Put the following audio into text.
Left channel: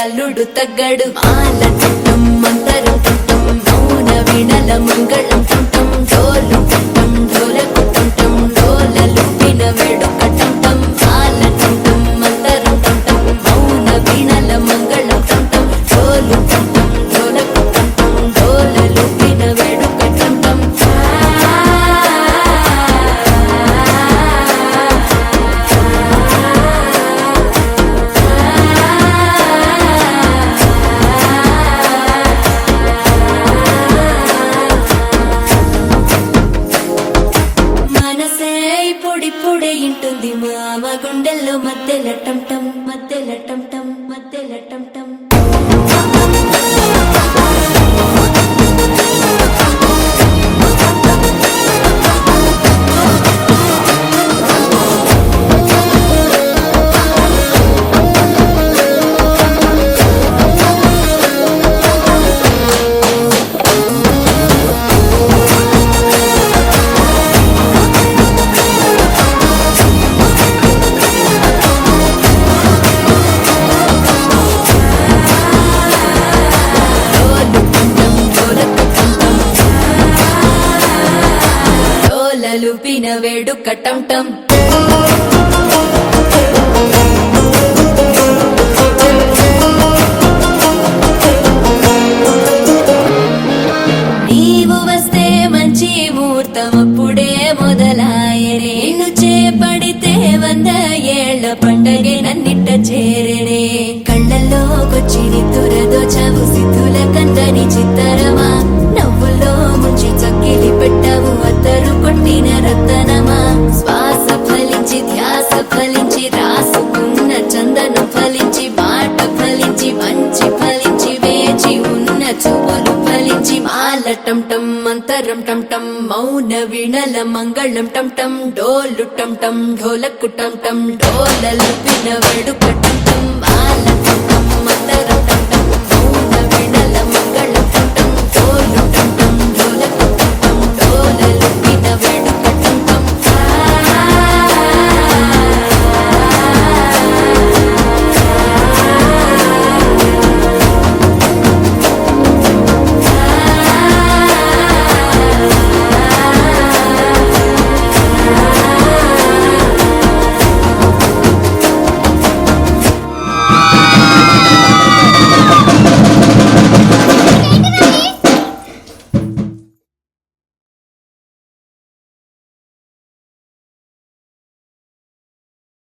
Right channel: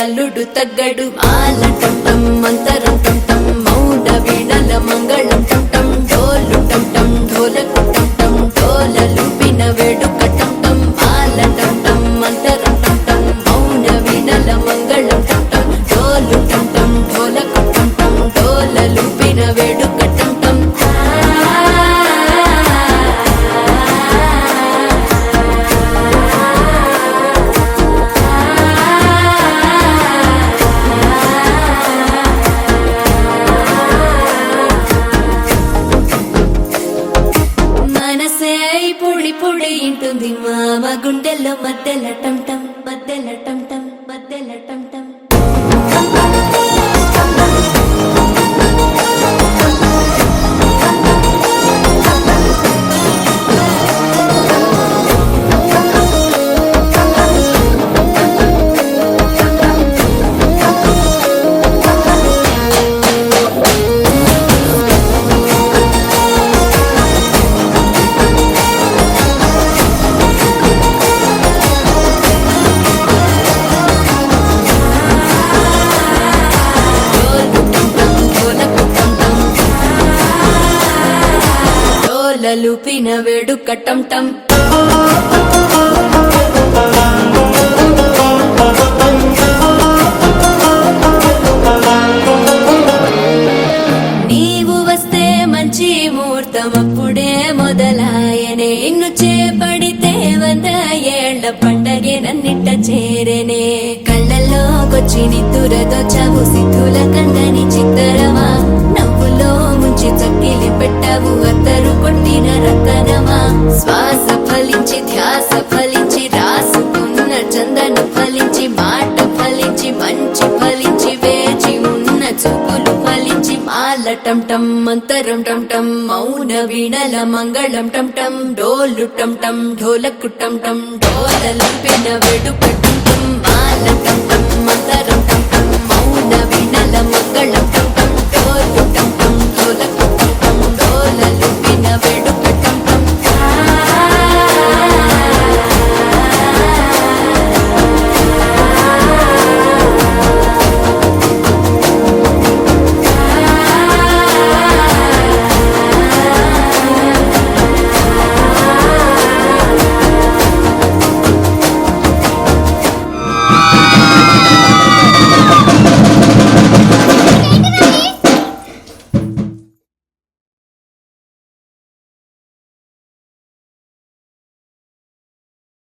అల్లుడు తగ్గడు మాల టం మంతరం టం మౌన వీణల మంగళం టం డోలు టం డోలకు టం డోలలు విన వేడుక టం మాల టం మంతరం టం మౌన వీణల మంగళం టం డోలు టం డోలకు టం డోలలు విన వేడుక టం పొడి ఇంటుంది మామ గుండెల్లో మధ్యల టం మధ్యల టం మధ్యల టం లూపిన వేడుక టం నీవు వస్తే మంచి ముహూర్తం అప్పుడే మొదలాయనే నిన్ను చేపడితే 100 ఏళ్ల పండగే నన్నిట్ట చేరేనే కళ్ళల్లోకొచ్చి నిద్దురదో చావు సిద్ధుల కందని చిత్తరమా నవ్వులో ముంచి చక్కిలి పెట్టావు అద్దరు కొట్టిన రతనమా శ్వాస ఫలించి ధ్యాస ఫలించి రాసుకున్న చందనం ఫలించి మాట ఫలించి మంచి ఫలించి వేచి ఉన్న చూపులు ఫలించి మాల టం మంతరం టం మౌన వీణల మంగళం టం డోలు టం ఢోలకు టం డోలలు విన వేడుక టం మాల టం మంతరం టం మౌన వీణల మంగళం టం డోలు టం